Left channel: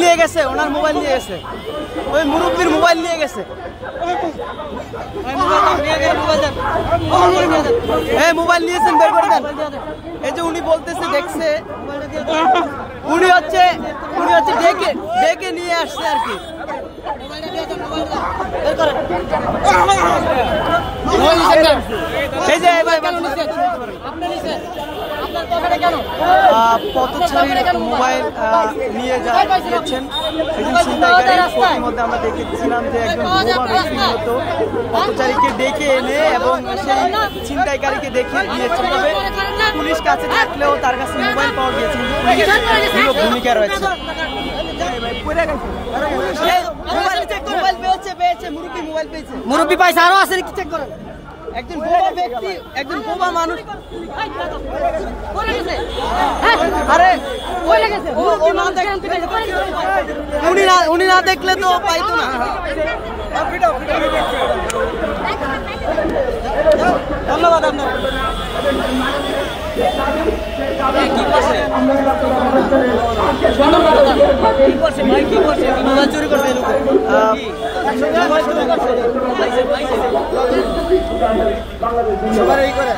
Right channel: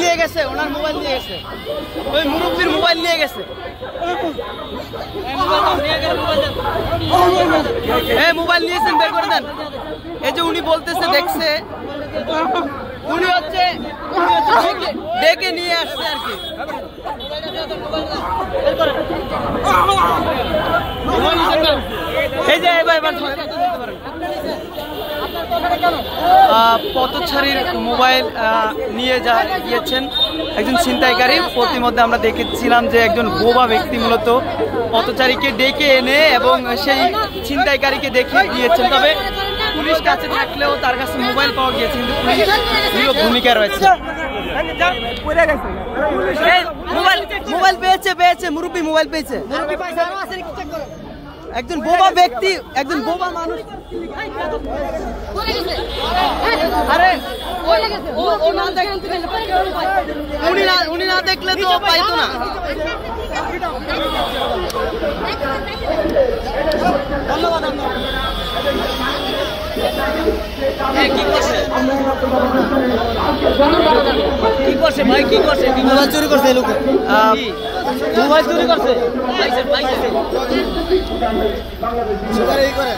নিয়ে গেছে, ওনার মোবাইল নিয়ে গেছে, ওই মুরব্বীর মোবাইল নিয়ে গেছে। হ্যাঁ মোবাইল নিয়েছেন, বের করে দেন। এই যে উনি বলতেছে দেখছে, উনি হচ্ছে ডেকে নিয়ে আসছে আর কি। এই যে ভাই পথচারীর মোবাইল নিয়ে গিয়েছেন একজন ছিনতাইকারী। প্রতিমধ্যে আমরা দেখেছিলাম যে একজন বোবা ব্যক্তি মূলত পথচারীকে ডেকে এনে এবং সেই ছিনতাইকারীকে দেখিয়ে দিয়েছেন। তবে পুলিশ কাছে থাকলেও তার কাছে মোবাইল পাওয়া গিয়েছে, কিন্তু পুলিশ নীরব ভূমিকা রয়েছে। মোবাইল পেয়েছে মুরব্বী, মোবাইল পেয়েছে, মুরব্বী পাইছে, আরো আছে একজন বোবা ব্যক্তি, একজন বোবা মানুষ। আরে উনি না দেখলে তো পাইতো না। ধন্যবাদ আপনার। কি করছে ভাই, কি করছে? মোবাইল চুরি করছে, মোবাইল চুরি করছে। সবার এই করে